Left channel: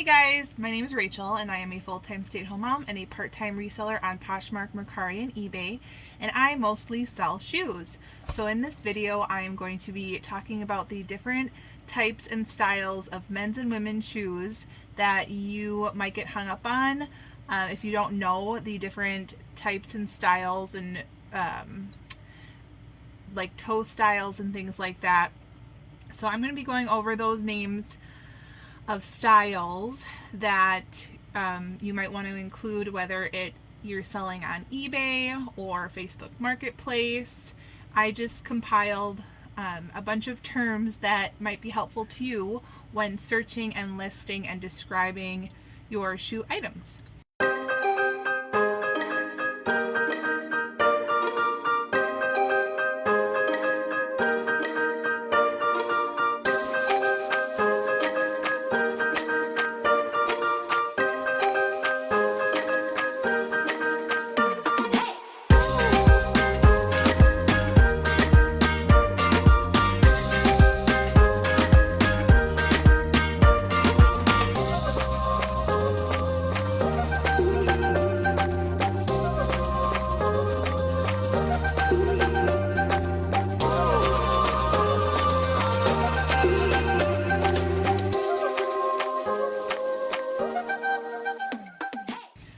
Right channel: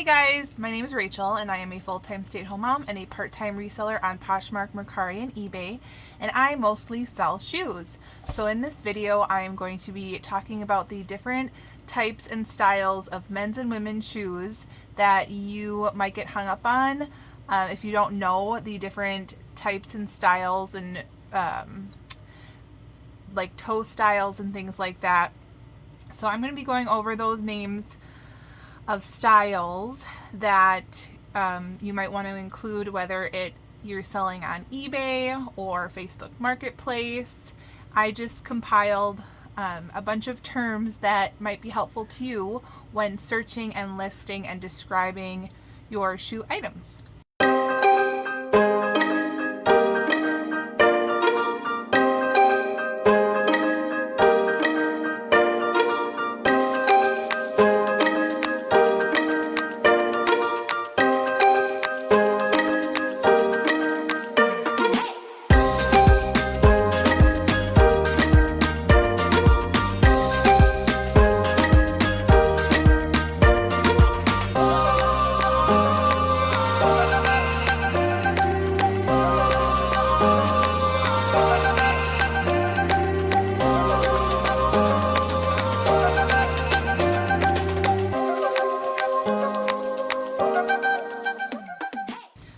Hey guys, my name is Rachel and I am a full-time stay-at-home mom and a part-time reseller on Poshmark, Mercari, and eBay, and I mostly sell shoes. So in this video I am going to be talking about the different types and styles of men's and women's shoes that you might get hung up on if you don't know the different types and styles and like toe styles and things like that. So I'm going to be going over those names of styles that you might want to include, whether you're selling on eBay or Facebook Marketplace. I just compiled a bunch of terms that might be helpful to you when searching and listing and describing your shoe items.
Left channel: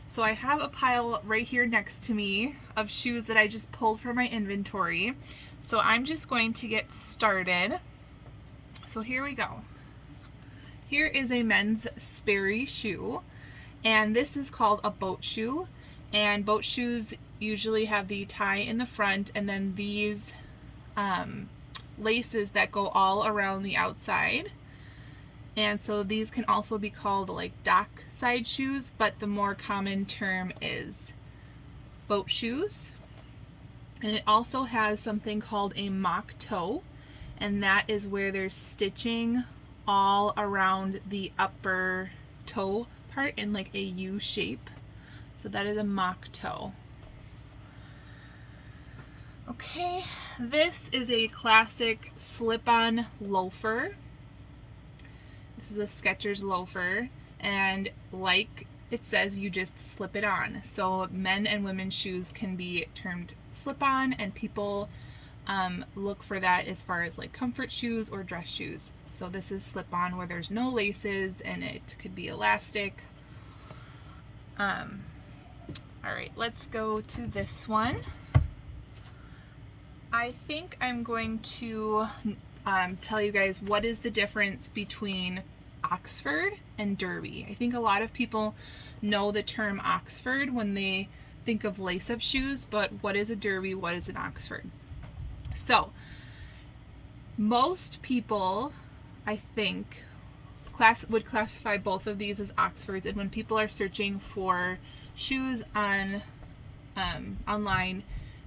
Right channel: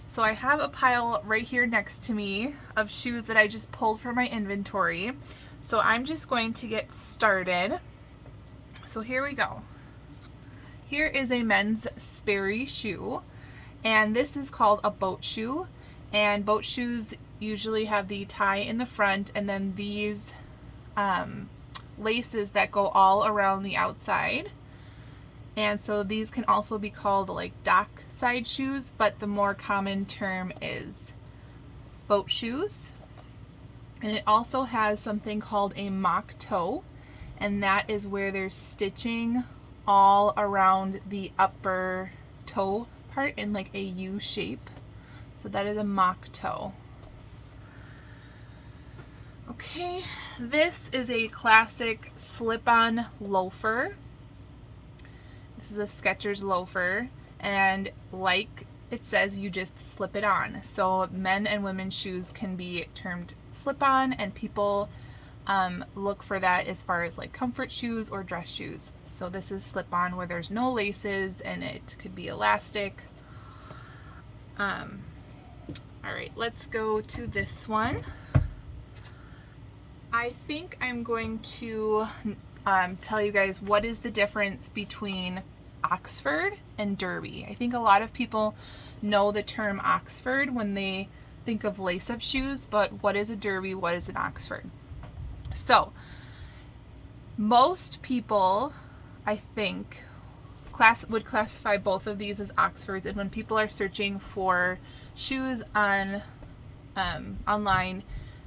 So I have a pile right here next to me of shoes that I just pulled from my inventory. So I'm just going to get started. So here we go. Here is a men's Sperry shoe, and this is called a boat shoe. And boat shoes usually have the tie in the front and then these laces that go all around the outside. And so these can also be called like dock side shoes, but the more common term is boat shoes. And it also has something called a mock toe, and that is where there's stitching all around the upper toe part in like a U shape. So that is a mock toe. Okay, this is a classic slip-on loafer. This is a Skechers loafer, and like it says, you just slip it on. So men and women's shoes can be termed slip-on, and people look for that as far as like comfort shoes or dress shoes. So this is slip-on where there's no laces and it could be elastic. All right, let's go to this one. I think I'm going to tell you guys what is the difference between Oxford and Derby. I think a lot of people know the term Oxford when they think of lace-up shoes, but what is a Derby? What is an Oxford? So most people, I think, would classify both of these as Oxfords, and when people are searching for shoes on online,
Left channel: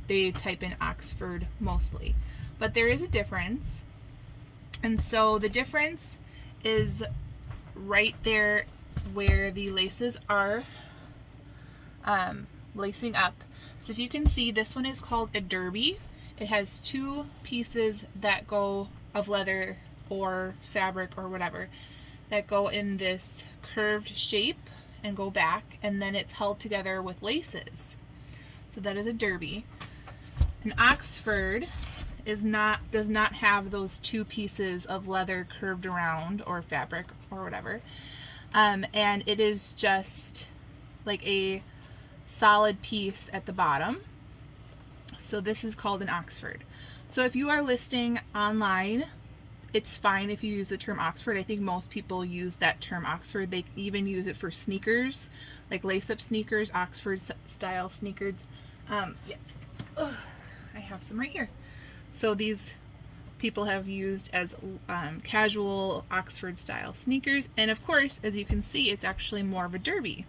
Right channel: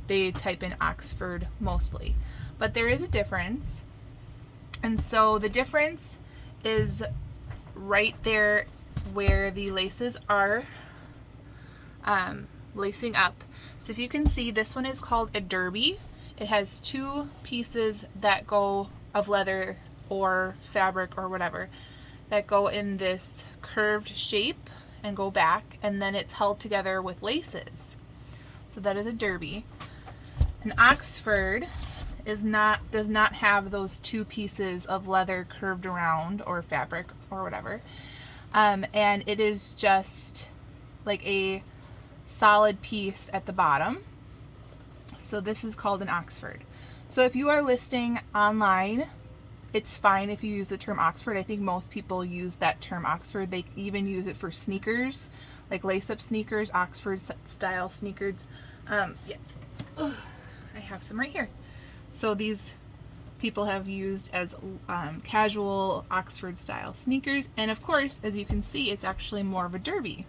they type in Oxford mostly. But there is a difference. And so the difference is right there where the laces are lacing up. So if you can see, this one is called a derby. It has two pieces that go of leather or fabric or whatever that go in this curved shape and go back, and then it's held together with laces. So that is a derby. An Oxford does not have those two pieces of leather curved around or fabric or whatever, and it is just like a solid piece at the bottom. So this is called an Oxford. So if you are listing online, it's fine if you use the term Oxford. I think most people use that term Oxford. They even use it for sneakers, like lace-up sneakers, Oxford style sneakers. Yeah. Ugh, I have some right here. So these people have used as casual Oxford style sneakers, and of course, as you can see, it's actually more of a derby,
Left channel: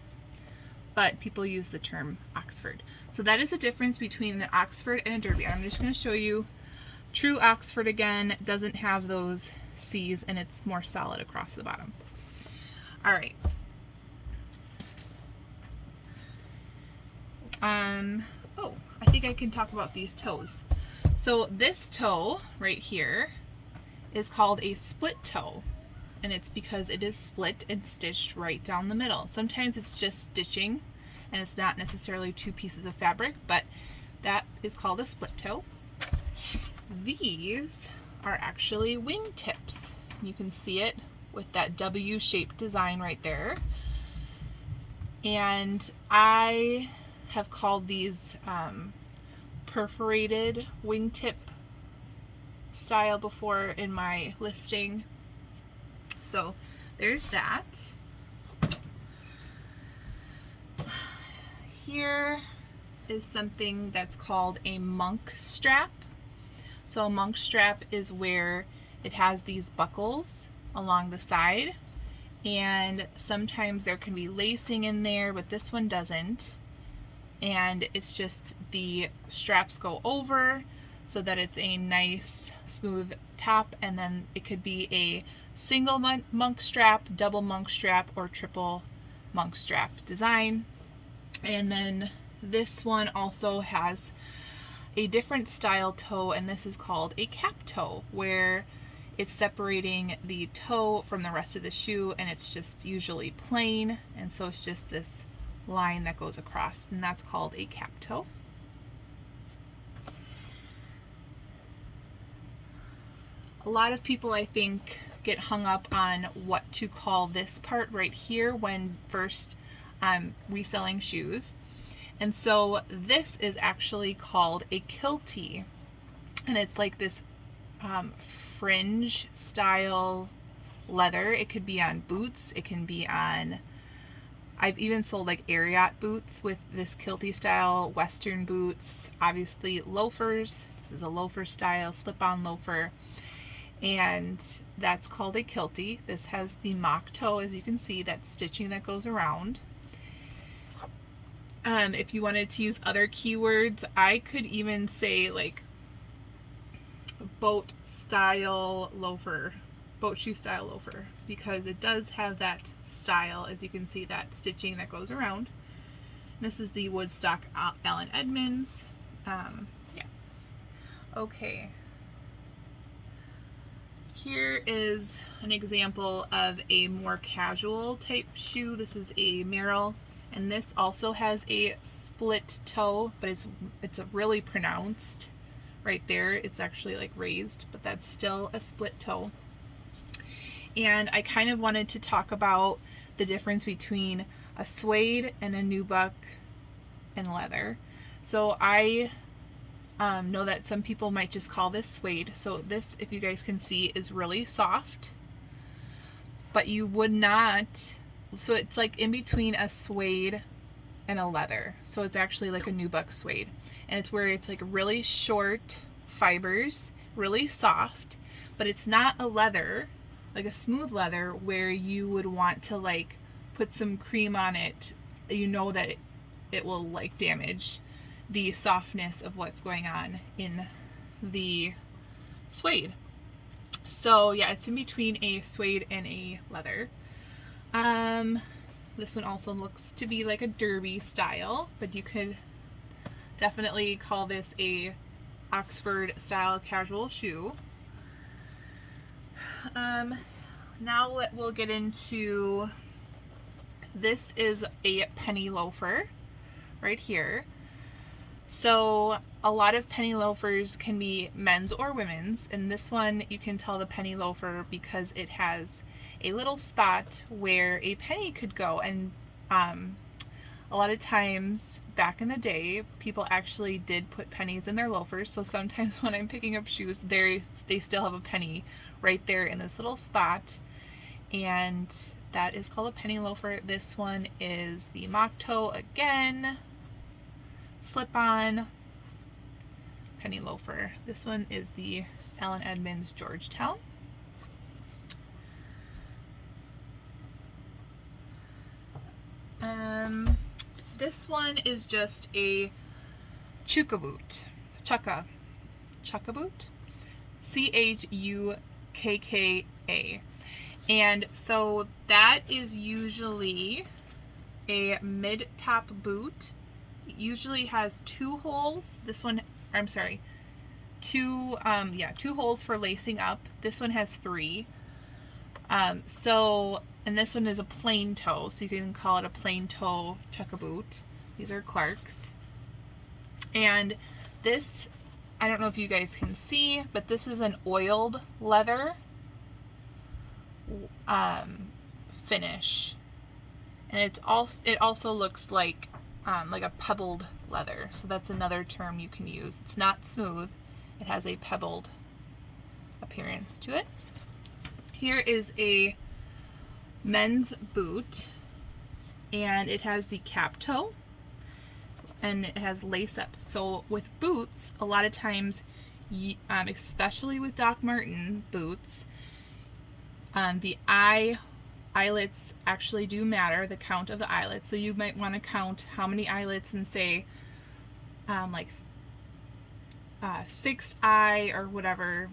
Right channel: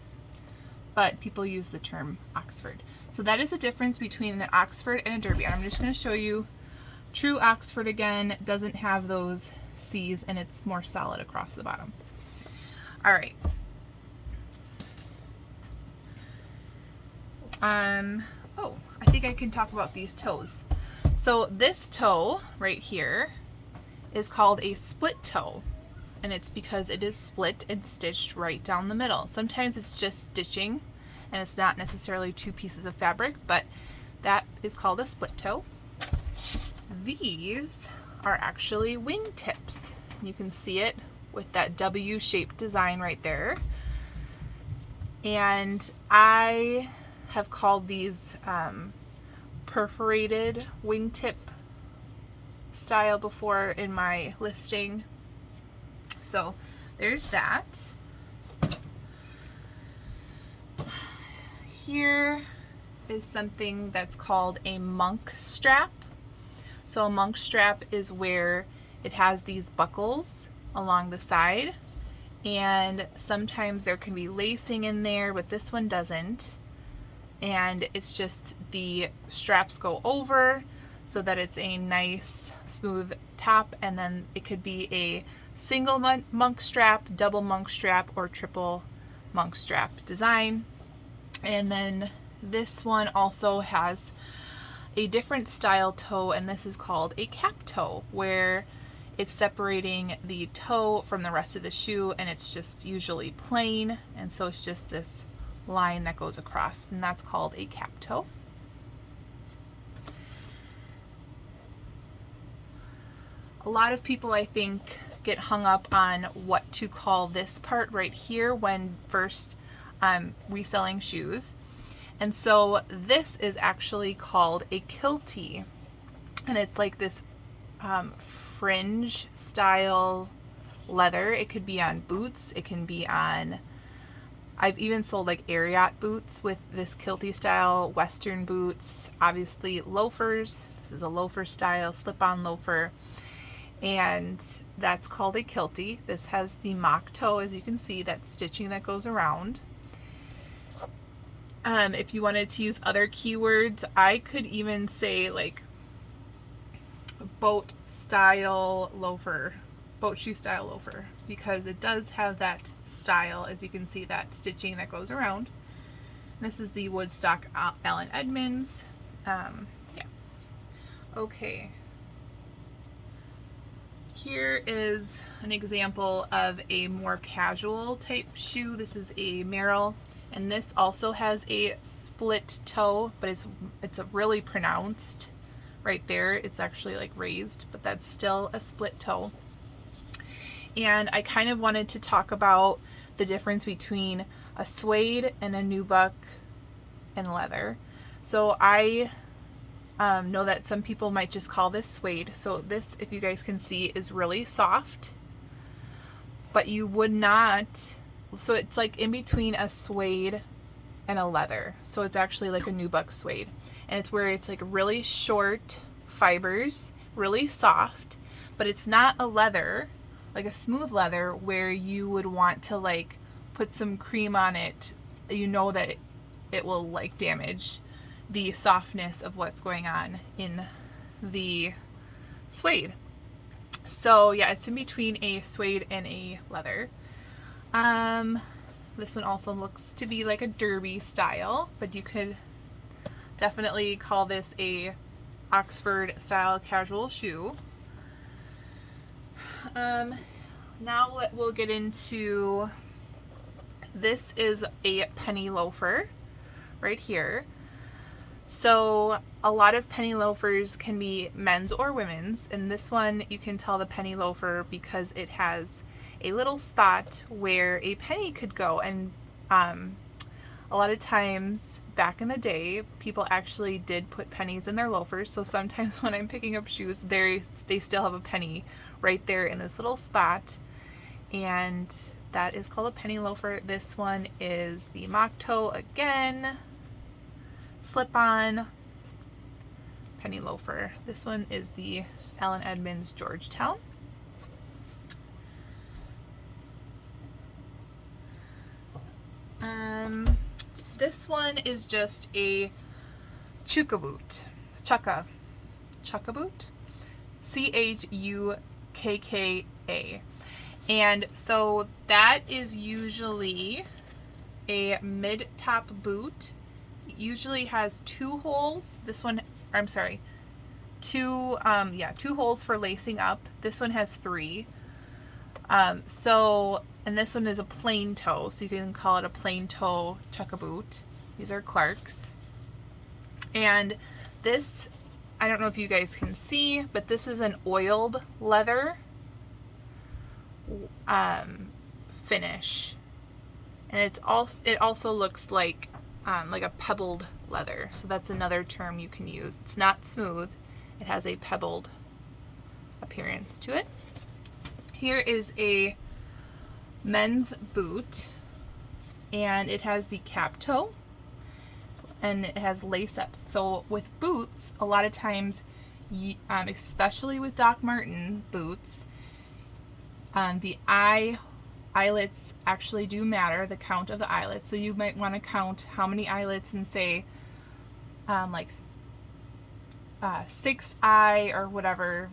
but people use the term Oxford. So that is the difference between an Oxford and a derby. And I'm just going to show you true Oxford again. It doesn't have those C's and it's more solid across the bottom. All right. Oh, I think I can talk about these toes. So this toe right here is called a split toe, and it's because it is split and stitched right down the middle. Sometimes it's just stitching and it's not necessarily two pieces of fabric, but that is called a split toe. These are actually wing tips. You can see it with that W-shaped design right there. And I have called these perforated wingtip style before in my listing. So there's that. Here is something that's called a monk strap. So a monk strap is where it has these buckles along the side, and sometimes there can be lacing in there, but this one doesn't. And it's just the straps go over so that it's a nice smooth top, and then it could be a single monk strap, double monk strap, or triple monk strap design. And then this one also has a different style toe, and this is called a cap toe, where it's separating the toe from the rest of the shoe, and it's just usually plain, and so it's just this line that goes across, and that's called a cap toe. A lot of people, I think, get hung up on what to call this part right here when first reselling shoes. And so this is actually called a kiltie, and it's like this fringe style leather. It could be on boots, it can be on, I've even sold like Ariat boots with this kiltie style, Western boots, obviously loafers. This is a loafer style, slip-on loafer, and that's called a kiltie. This has the mock toe, as you can see, that stitching that goes around. If you wanted to use other keywords, I could even say like boat style loafer, boat shoe style loafer, because it does have that style, as you can see, that stitching that goes around. This is the Woodstock Allen Edmonds. Yeah. Okay. Here is an example of a more casual type shoe. This is a Merrill, and this also has a split toe, but it's a really pronounced right there. It's actually like raised, but that's still a split toe. And I kind of wanted to talk about the difference between a suede and a nubuck and leather. So I know that some people might just call this suede. So this, if you guys can see, is really soft, but you would not, so it's like in between a suede and a leather. So it's actually like a nubuck suede, and it's where it's like really short fibers, really soft, but it's not a leather, like a smooth leather where you would want to like put some cream on it. You know that it will like damage the softness of what's going on in the suede. So yeah, it's in between a suede and a leather. This one also looks to be like a derby style, but you could definitely call this a Oxford style casual shoe. Now we'll get into, this is a penny loafer right here. So a lot of penny loafers can be men's or women's, and this one you can tell the penny loafer because it has a little spot where a penny could go. And a lot of times back in the day, people actually did put pennies in their loafers. So sometimes when I'm picking up shoes, they still have a penny right there in this little spot, and that is called a penny loafer. This one is the mock toe again, slip-on penny loafer. This one is the Allen Edmonds Georgetown. This one is just a chukka boot, chukka boot, C-H-U-K-K-A. And so that is usually a mid-top boot. It usually has two holes. This one, I'm sorry, two holes for lacing up. This one has three. And this one is a plain toe, so you can call it a plain toe chukka boot. These are Clark's. And this, I don't know if you guys can see, but this is an oiled leather finish. And it also looks like a pebbled leather. So that's another term you can use. It's not smooth. It has a pebbled appearance to it. Here is a men's boot, and it has the cap toe, and it has lace up. So with boots, a lot of times, especially with Doc Marten boots, the eyelets actually do matter, the count of the eyelets. So you might want to count how many eyelets and say 6 eye or whatever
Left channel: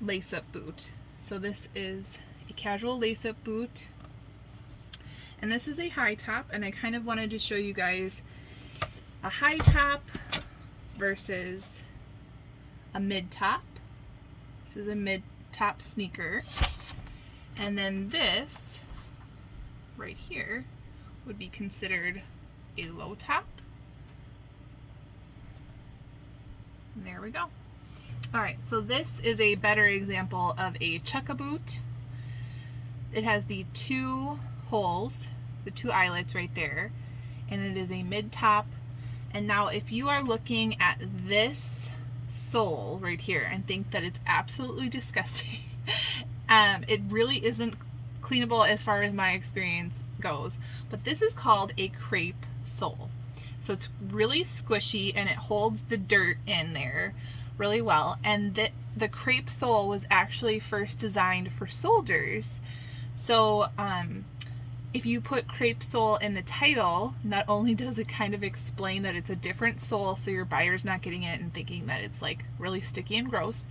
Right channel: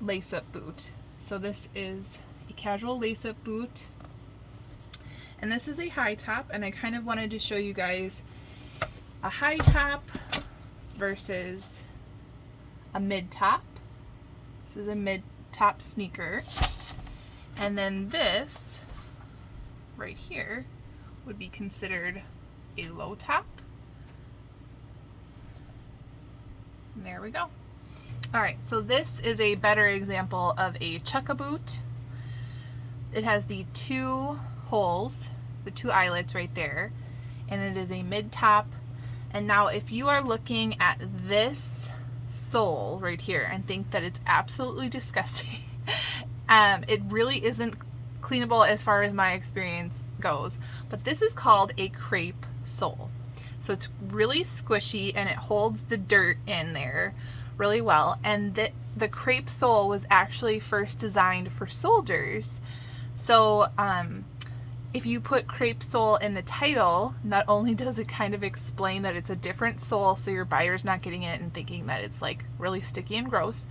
lace-up boot. So this is a casual lace-up boot, and this is a high top, and I kind of wanted to show you guys a high top versus a mid top. This is a mid top sneaker, and then this right here would be considered a low top. And there we go. All right, so this is a better example of a chukka boot. It has the 2 holes, the 2 eyelets right there, and it is a mid top. And now if you are looking at this sole right here and think that it's absolutely disgusting, it really isn't cleanable as far as my experience goes, but this is called a crepe sole. So it's really squishy and it holds the dirt in there really well. And the crepe sole was actually first designed for soldiers. So if you put crepe sole in the title, not only does it kind of explain that it's a different sole, so your buyer's not getting it and thinking that it's like really sticky and gross,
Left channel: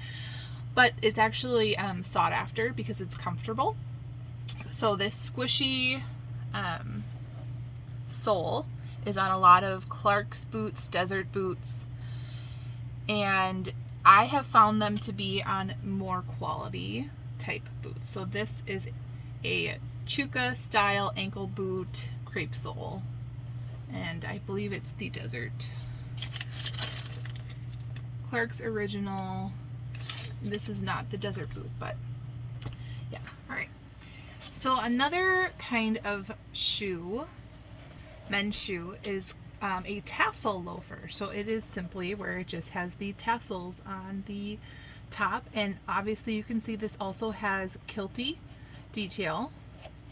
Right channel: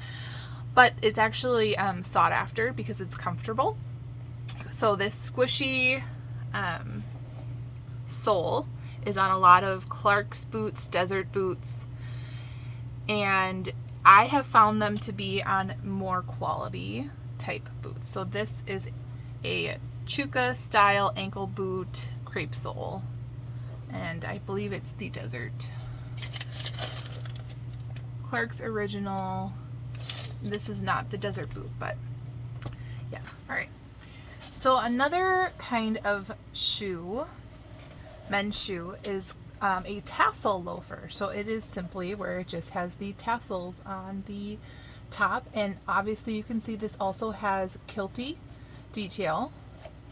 but it's actually sought after because it's comfortable. So this squishy sole is on a lot of Clark's boots, desert boots, and I have found them to be on more quality type boots. So this is a Chukka style ankle boot crepe sole, and I believe it's the desert. Clark's original. This is not the desert boot, but yeah. All right. So another kind of shoe, men's shoe, is a tassel loafer. So it is simply where it just has the tassels on the top, and obviously you can see this also has kilty detail,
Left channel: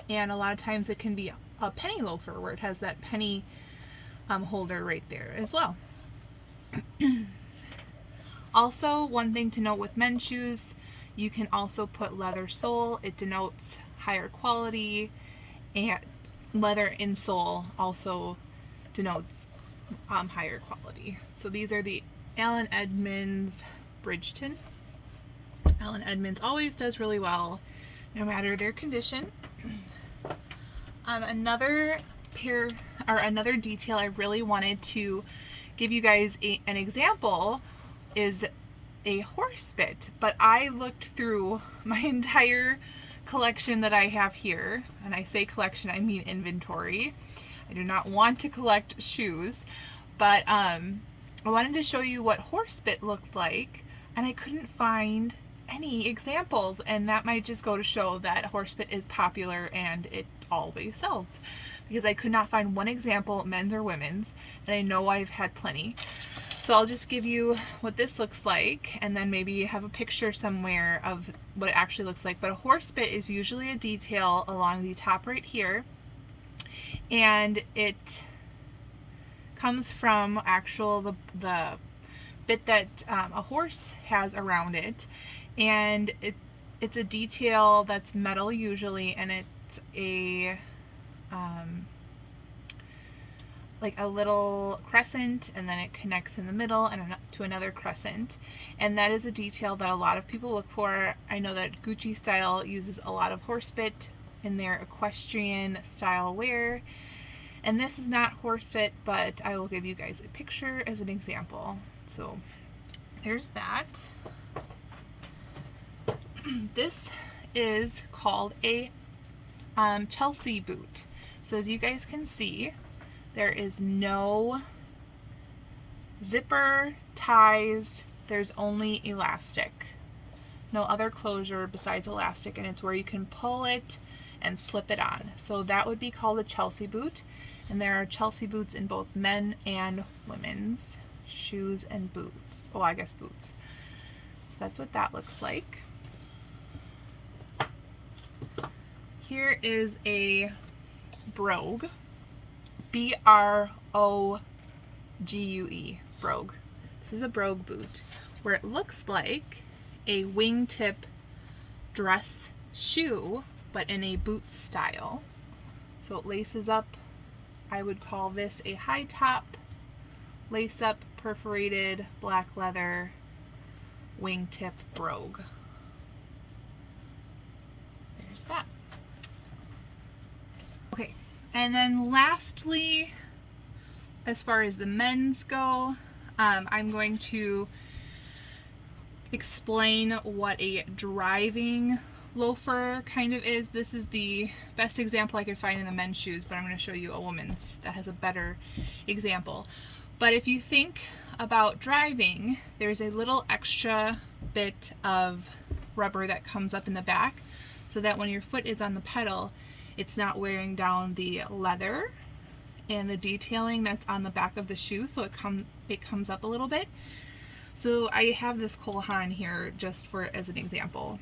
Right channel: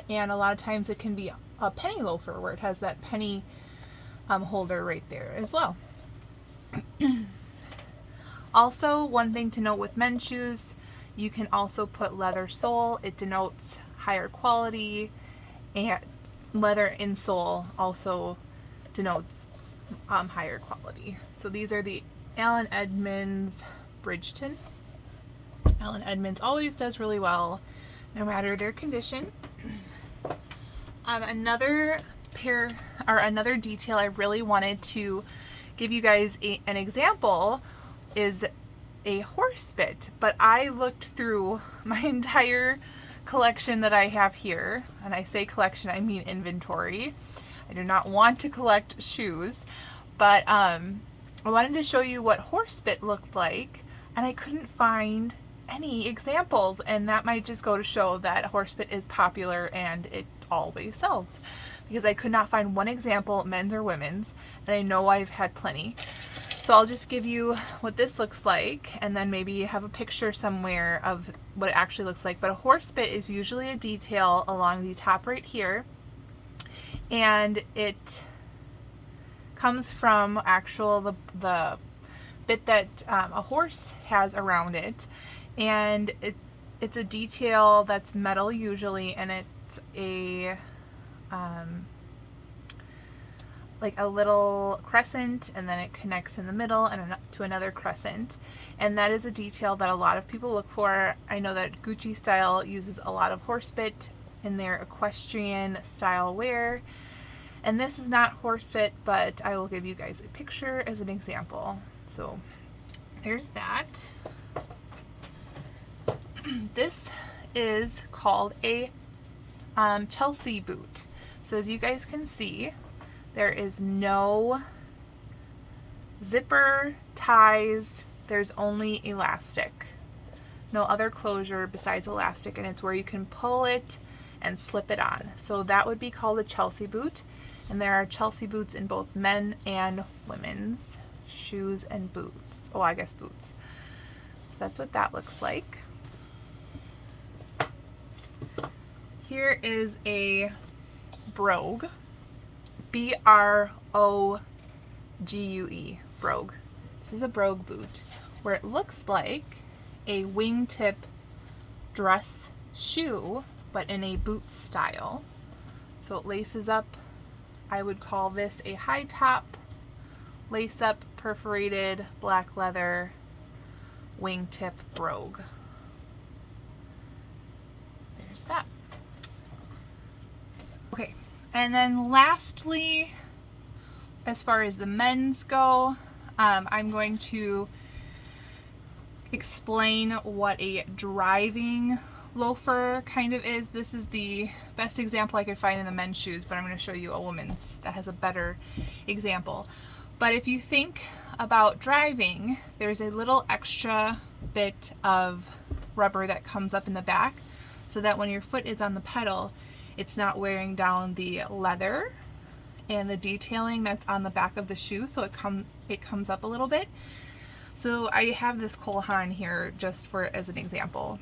and a lot of times it can be a penny loafer where it has that penny holder right there as well. Also, one thing to note with men's shoes, you can also put leather sole. It denotes higher quality, and leather insole also denotes higher quality. So these are the Allen Edmonds Bridgeton. Allen Edmonds always does really well, no matter their condition. Another detail I really wanted to give you guys an example is a horse bit, but I looked through my entire collection that I have here, and I say collection, I mean inventory. I do not want to collect shoes, but I wanted to show you what horse bit looked like, and I couldn't find any examples, and that might just go to show that horse bit is popular and it always sells, because I could not find one example, men's or women's, and I know I've had plenty. So I'll just give you what this looks like, and then maybe have a picture somewhere of what it actually looks like. But a horse bit is usually a detail along the top right here, and it comes from the bit that a horse has around it, and it's a detail that's metal usually, and it's a like a little crescent, and then it connects in the middle and to another crescent, and that is a detail that a lot of people look for. I know that Gucci style uses a lot of horse bit in their equestrian style wear, and this is not horse bit, but I will give you guys a picture as an example. So there's that. This is called a Chelsea boot. So as you guys can see, there is no zipper, ties, there's only elastic. No other closure besides elastic, and it's where you can pull it and slip it on. So that would be called a Chelsea boot, and there are Chelsea boots in both men and women's shoes and boots. Oh, I guess boots. So that's what that looks like. Here is a brogue, B-R-O-G-U-E, brogue. This is a brogue boot where it looks like a wingtip dress shoe, but in a boot style. So it laces up. I would call this a high top, lace up, perforated black leather wingtip brogue. There's that. Okay, and then lastly, as far as the men's go, I'm going to explain what a driving loafer kind of is. This is the best example I could find in the men's shoes, but I'm going to show you a woman's that has a better example. But if you think about driving, there's a little extra bit of rubber that comes up in the back so that when your foot is on the pedal, it's not wearing down the leather and the detailing that's on the back of the shoe, so it comes up a little bit. So I have this Cole Haan here just for as an example.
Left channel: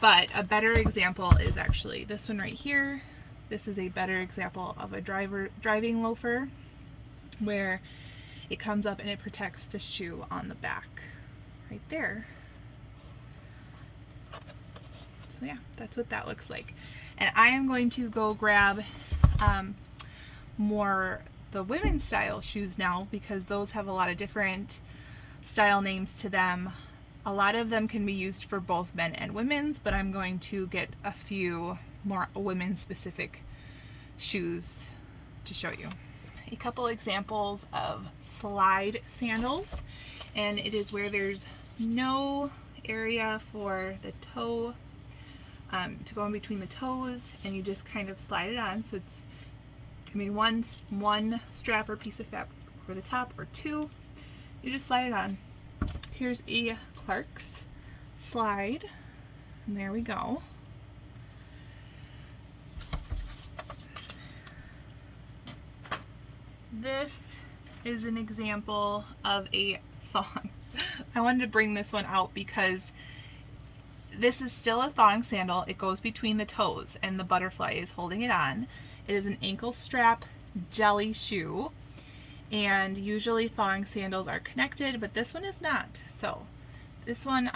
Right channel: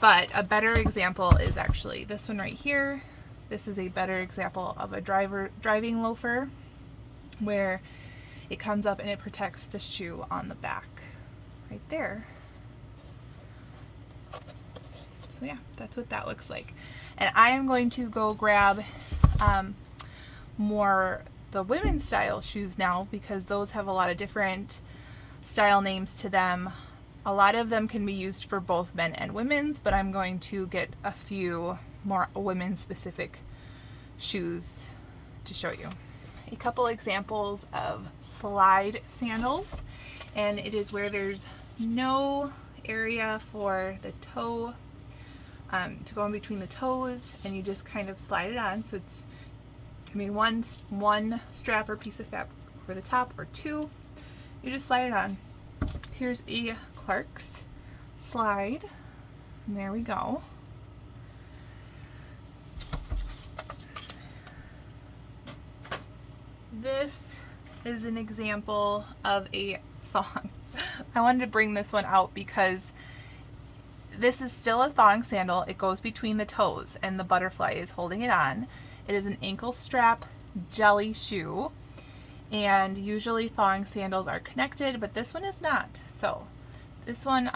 But a better example is actually this one right here. This is a better example of a driving loafer where it comes up and it protects the shoe on the back right there. So yeah, that's what that looks like. And I am going to go grab more the women's style shoes now, because those have a lot of different style names to them. A lot of them can be used for both men and women's, but I'm going to get a few more women's specific shoes to show you. A couple examples of slide sandals, and it is where there's no area for the toe to go in between the toes, and you just kind of slide it on. So it's one strap or piece of fabric for the top, or two. You just slide it on. Here's a Clark's slide, and there we go. This is an example of a thong. I wanted to bring this one out because this is still a thong sandal. It goes between the toes and the butterfly is holding it on. It is an ankle strap jelly shoe, and usually thong sandals are connected, but this one is not. So this one,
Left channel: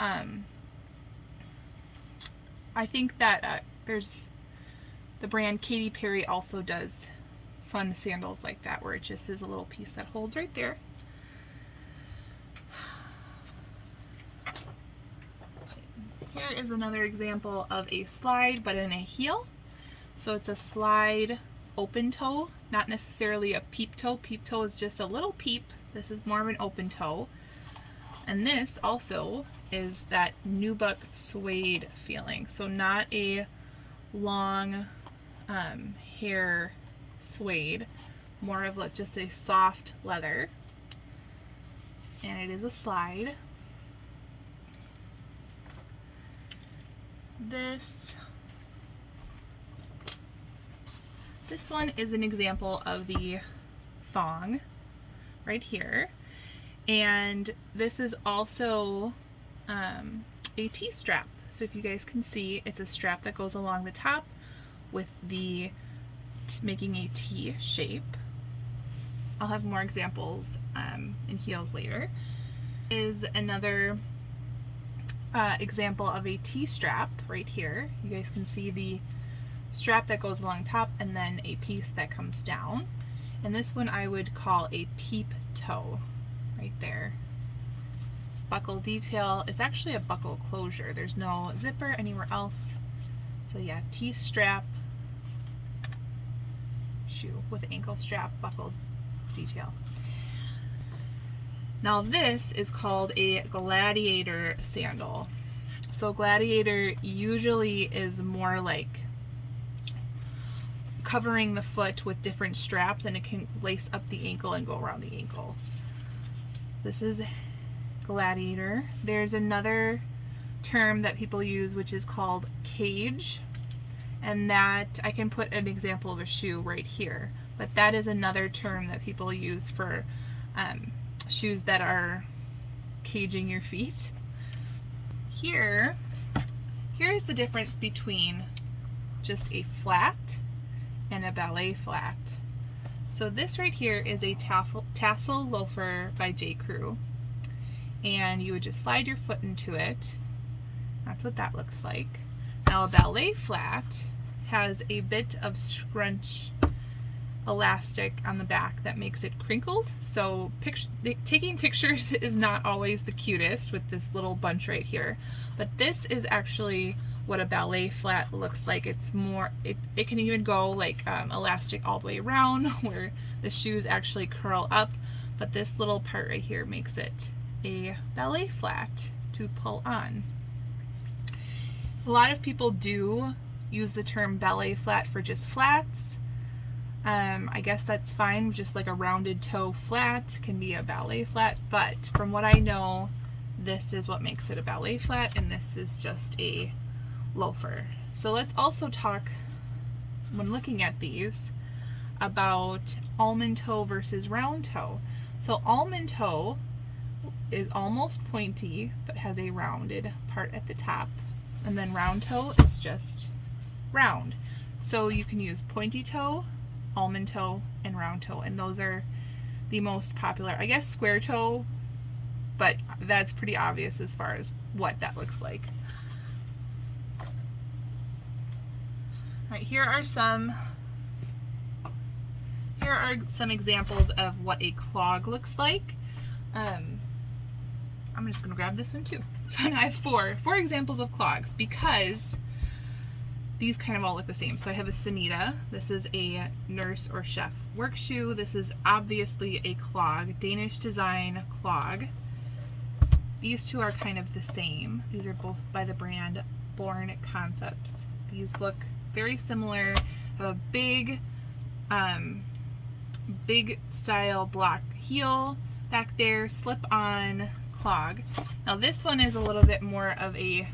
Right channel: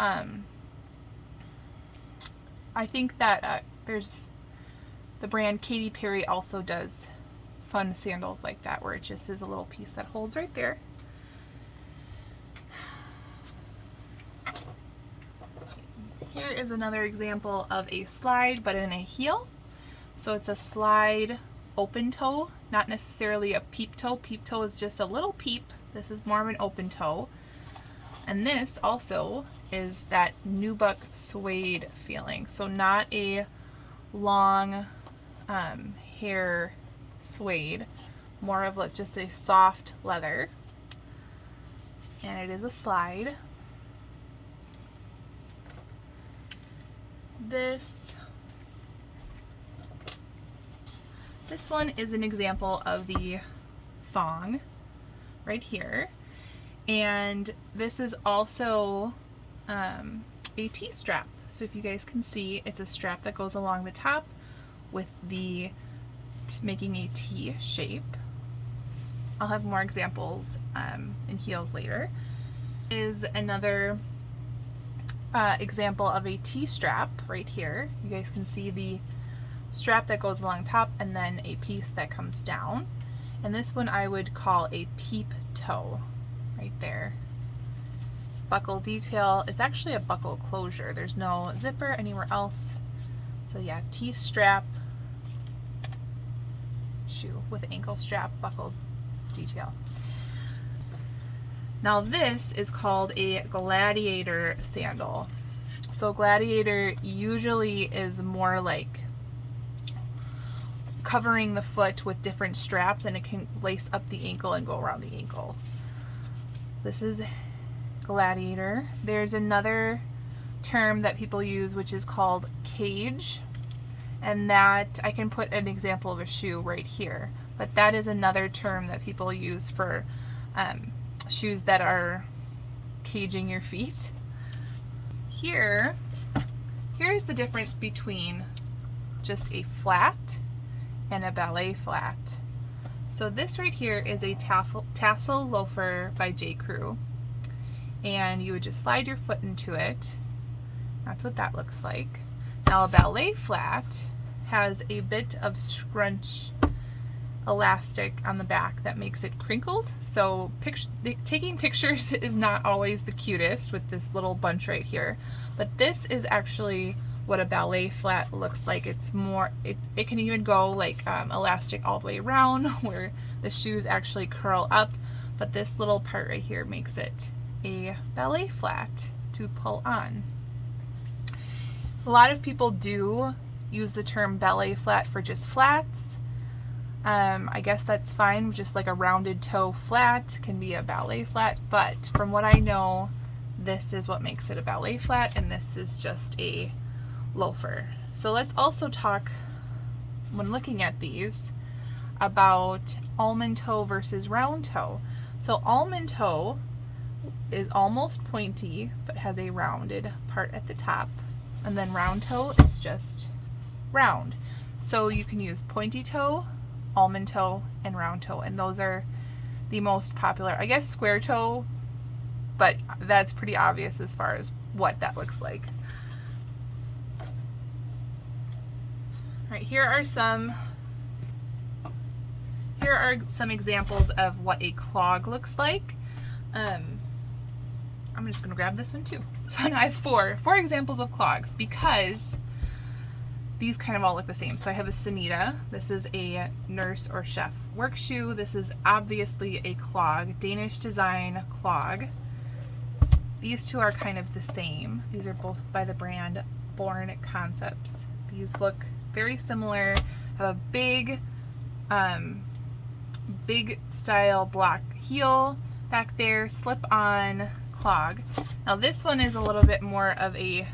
I think that there's the brand Katy Perry also does fun sandals like that, where it just is a little piece that holds right there. Here is another example of a slide, but in a heel. So it's a slide open toe, not necessarily a peep toe. Peep toe is just a little peep. This is more of an open toe. And this also is that nubuck suede feeling. So not a long hair suede, more of like just a soft leather. And it is a slide. This one is an example of the thong right here, and this is also a T-strap. So if you guys can see, it's a strap that goes along the top with the making a T shape. I'll have more examples in heels later. Is another example of a T-strap right here. You guys can see the strap that goes along top and then a piece that comes down. And this one I would call a peep toe right there. Buckle detail. It's actually a buckle closure. There's no zipper anywhere else. So yeah, T-strap shoe with ankle strap buckle detail. Now this is called a gladiator sandal, So Gladiator usually is more like covering the foot with different straps, and it can lace up the ankle and go around the ankle. This is Gladiator. There's another term that people use which is called cage, and that I can put an example of a shoe right here, but that is another term that people use for shoes that are caging your feet. Here's the difference between just a flat and a ballet flat. So this right here is a tassel loafer by J. Crew, and you would just slide your foot into it. That's what that looks like. Now a ballet flat has a bit of scrunch elastic on the back that makes it crinkled. So taking pictures is not always the cutest with this little bunch right here, but this is actually what a ballet flat looks like. It's more, it can even go like elastic all the way around where the shoes actually curl up, but this little part right here makes it a ballet flat to pull on. A lot of people do use the term ballet flat for just flats. I guess that's fine, just like a rounded toe flat can be a ballet flat, but from what I know, this is what makes it a ballet flat, and this is just a loafer. So let's also talk, when looking at these, about almond toe versus round toe. So almond toe is almost pointy but has a rounded part at the top, and then round toe is just round. So you can use pointy toe, almond toe, and round toe, and those are the most popular. I guess square toe, but that's pretty obvious as far as what that looks like. All right, here are some examples of what a clog looks like. I'm just gonna grab this one too. So now I have four examples of clogs because these kind of all look the same. So I have a Sanita. This is a nurse or chef work shoe. This is obviously a clog, Danish design clog. These two are kind of the same. These are both by the brand Born Concepts. These look very similar. Have a big style block heel back there, slip-on clog. Now this one is a little bit more of a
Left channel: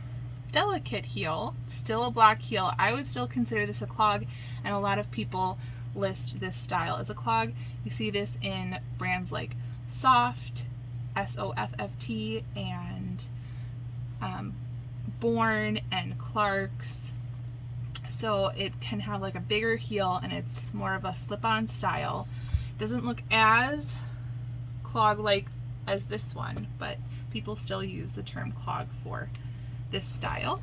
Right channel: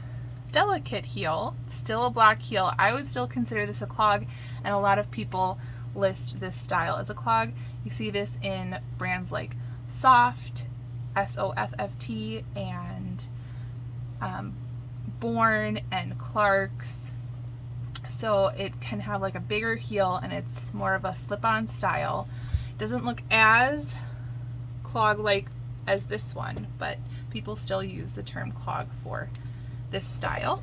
delicate heel, still a block heel. I would still consider this a clog, and a lot of people list this style as a clog. You see this in brands like Soft, S-O-F-F-T, and Born and Clark's. So it can have like a bigger heel, and it's more of a slip-on style. Doesn't look as clog-like as this one, but people still use the term clog for this style.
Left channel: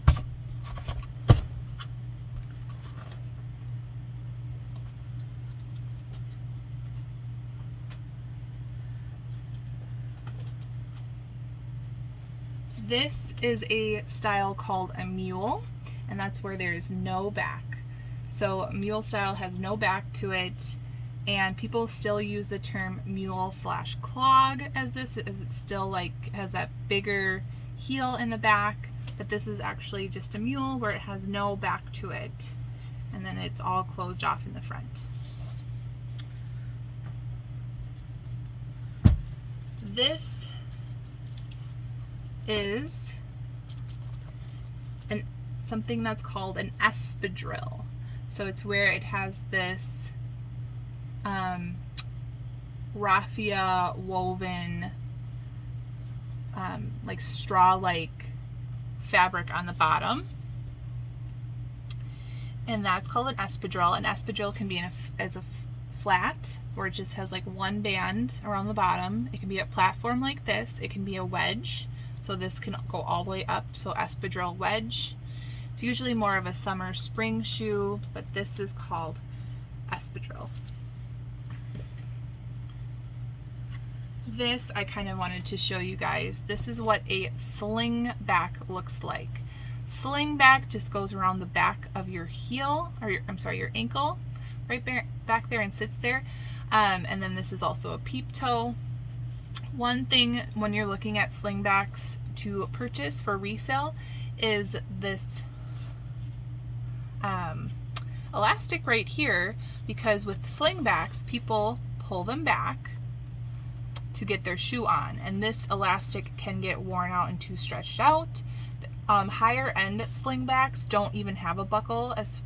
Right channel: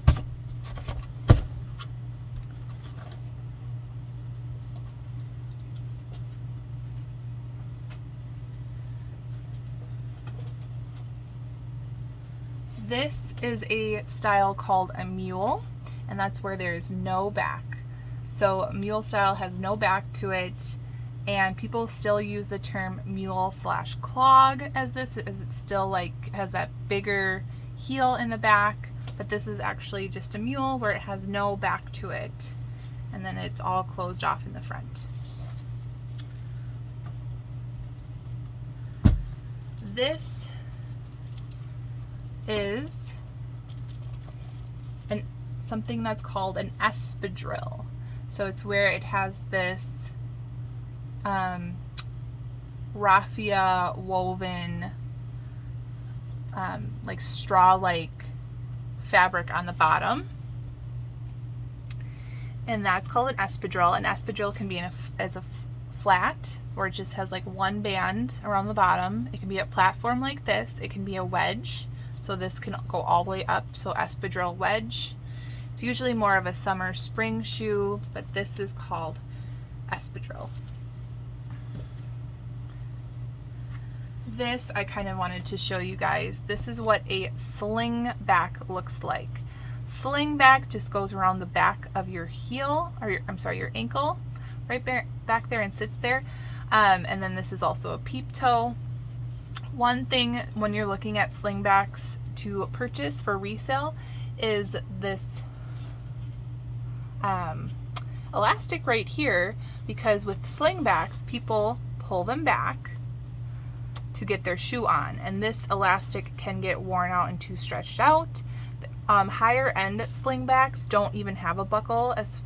This is a style called a mule, and that's where there's no back. So mule style has no back to it, and people still use the term mule/clog as this, as it's still like has that bigger heel in the back, but this is actually just a mule where it has no back to it, and then it's all closed off in the front. This is something that's called an espadrille. So it's where it has this raffia woven like straw-like fabric on the bottom, and that's called an espadrille. An espadrille can be as a flat, or it just has like one band around the bottom. It can be a platform like this. It can be a wedge, so this can go all the way up. So espadrille wedge. It's usually more of a summer spring shoe, but this is called espadrille. This I kind of wanted to show you guys. This is what a sling back looks like. Sling back just goes around the back of your heel, or your ankle, right back there, and sits there. And then this is also a peep toe. One thing when you're looking at slingbacks to purchase for resale is this elastic right here, because with slingbacks, people pull them back to get their shoe on, and this elastic can get worn out and too stretched out. Higher end slingbacks don't even have a buckle, as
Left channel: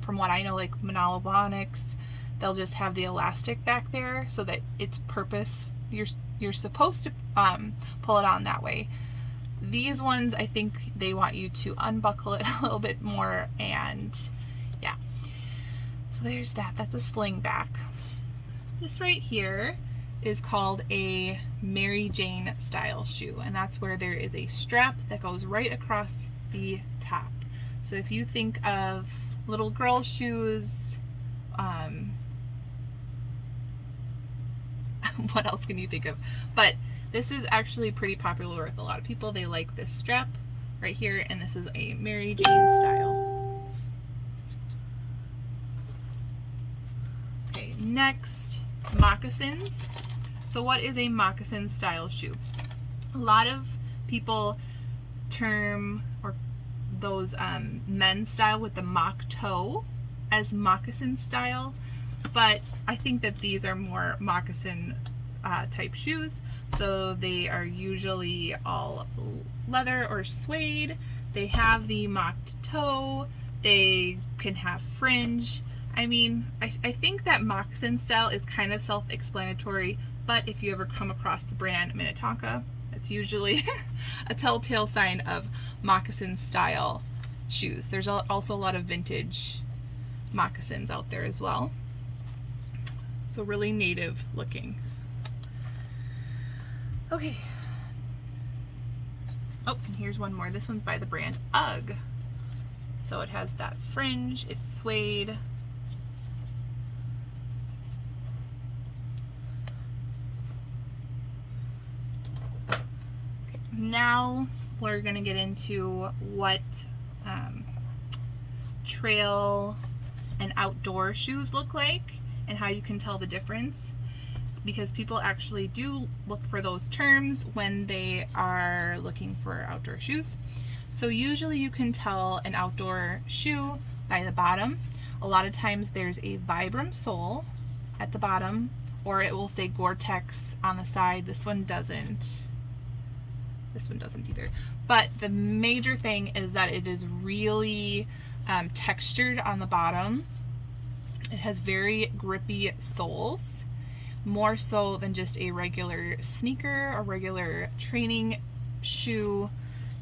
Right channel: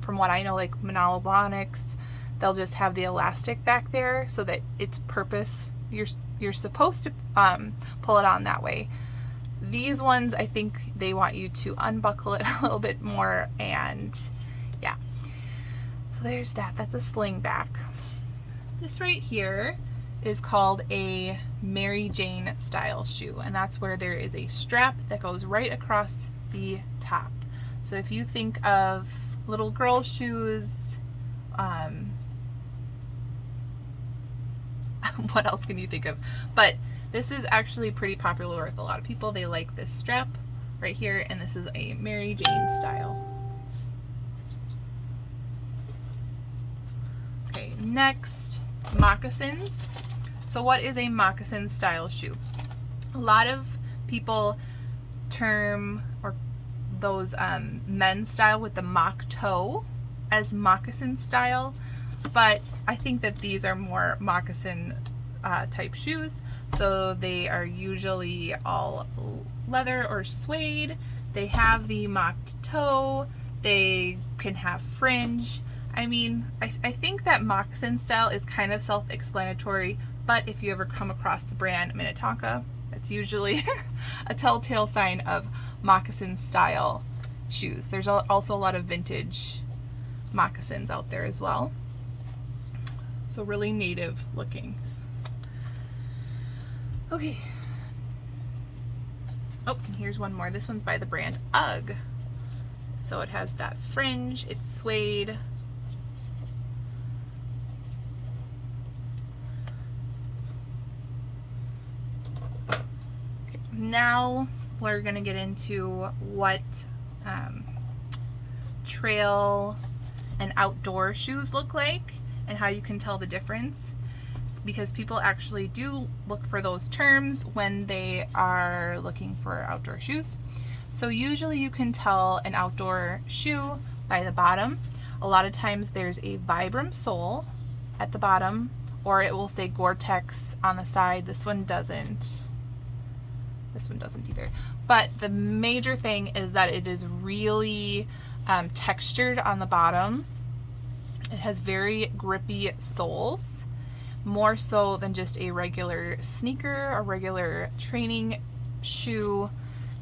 from what I know, like Monolobonics, they'll just have the elastic back there so that its purpose, you're supposed to pull it on that way. These ones, I think they want you to unbuckle it a little bit more, and yeah. So there's that. That's a slingback. This right here is called a Mary Jane style shoe, and that's where there is a strap that goes right across the top. So if you think of little girl shoes, what else can you think of? But this is actually pretty popular with a lot of people. They like this strap right here, and this is a Mary Jane style. Okay, next, moccasins. So what is a moccasin style shoe? A lot of people term or those men's style with the mock toe as moccasin style, but I think that these are more moccasin type shoes. So they are usually all leather or suede. They have the mocked toe. They can have fringe. I mean, I think that moccasin style is kind of self-explanatory, but if you ever come across the brand Minnetonka, that's usually a telltale sign of moccasin style shoes. There's also a lot of vintage moccasins out there as well. So really native looking. Okay. Oh, and here's one more. This one's by the brand UGG. So it has that fringe, it's suede. Okay, now we're gonna get into what trail and outdoor shoes look like and how you can tell the difference, because people actually do look for those terms when they are looking for outdoor shoes. So usually you can tell an outdoor shoe by the bottom. A lot of times there's a Vibram sole at the bottom, or it will say Gore-Tex on the side. This one doesn't. This one doesn't either. But the major thing is that it is really textured on the bottom. It has very grippy soles, more so than just a regular sneaker or regular training shoe.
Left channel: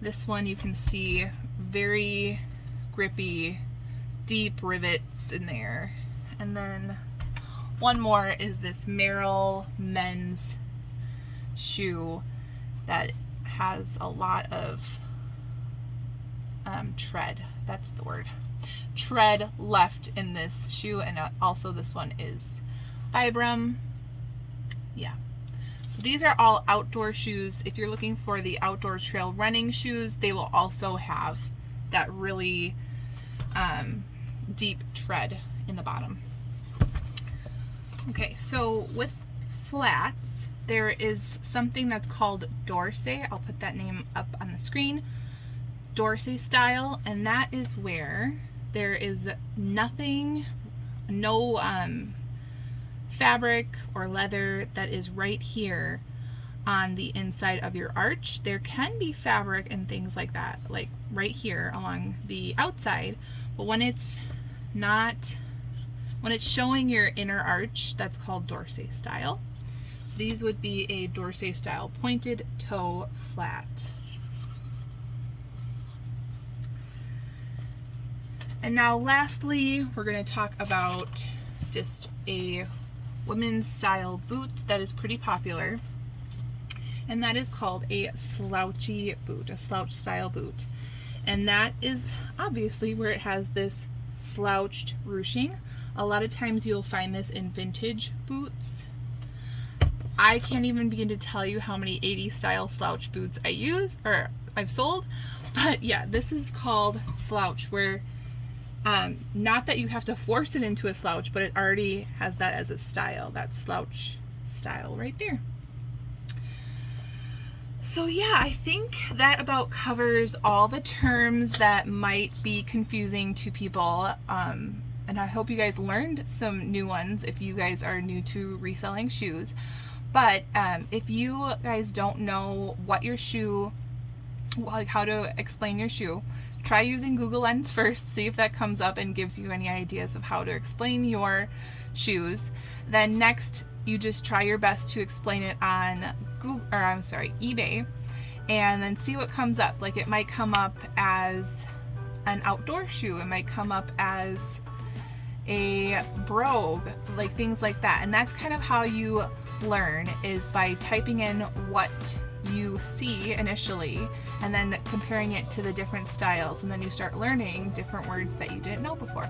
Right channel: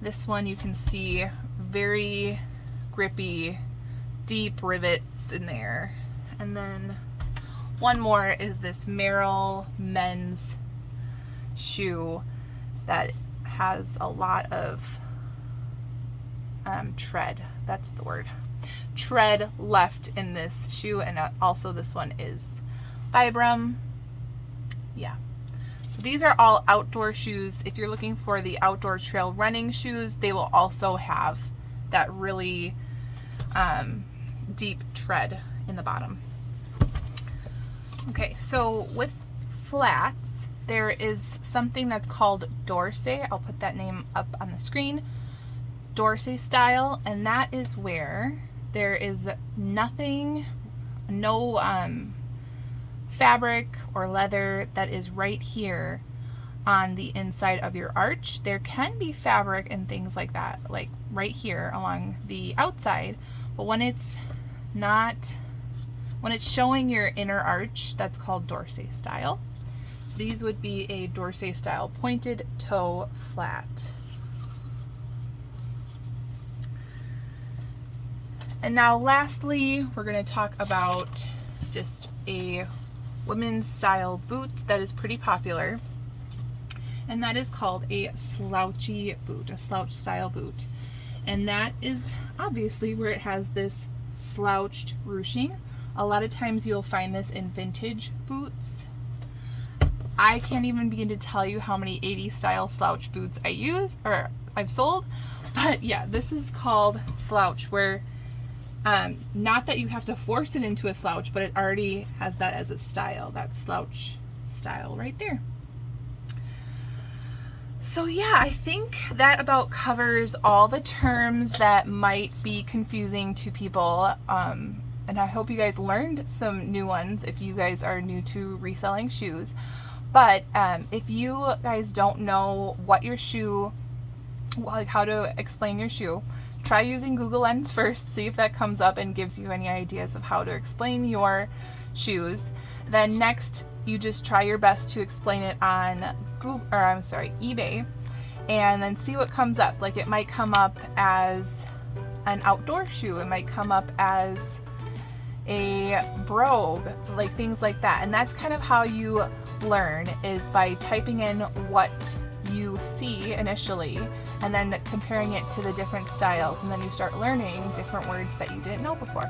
This one you can see very grippy, deep rivets in there. And then one more is this Merrell men's shoe that has a lot of tread. That's the word. Tread left in this shoe, and also this one is Vibram. Yeah. So these are all outdoor shoes. If you're looking for the outdoor trail running shoes, they will also have that really deep tread in the bottom. Okay, so with flats, there is something that's called Dorsey. I'll put that name up on the screen. Dorsey style, and that is where there is nothing, no fabric or leather that is right here on the inside of your arch. There can be fabric and things like that, like right here along the outside, but when it's not, when it's showing your inner arch, that's called Dorsey style. So these would be a Dorsey style pointed toe flat. And now lastly, we're going to talk about just a women's style boot that is pretty popular, and that is called a slouchy boot, a slouch style boot. And that is obviously where it has this slouched ruching. A lot of times you'll find this in vintage boots. I can't even begin to tell you how many 80s style slouch boots I use or I've sold, but yeah, this is called slouch, where not that you have to force it into a slouch, but it already has that as a style, that slouch style right there. So yeah, I think that about covers all the terms that might be confusing to people. And I hope you guys learned some new ones if you guys are new to reselling shoes. But if you guys don't know what your shoe, like how to explain your shoe, try using Google Lens first, see if that comes up and gives you any ideas of how to explain your shoes. Then next, you just try your best to explain it on eBay, and then see what comes up. Like, it might come up as an outdoor shoe, it might come up as a brogue, like things like that. And that's kind of how you learn, is by typing in what you see initially and then comparing it to the different styles, and then you start learning different words that you didn't know before.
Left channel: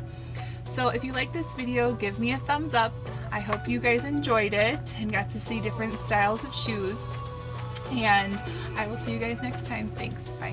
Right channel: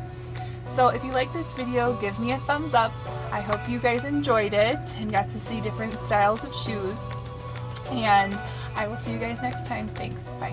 So if you like this video, give me a thumbs up. I hope you guys enjoyed it and got to see different styles of shoes, and I will see you guys next time. Thanks. Bye.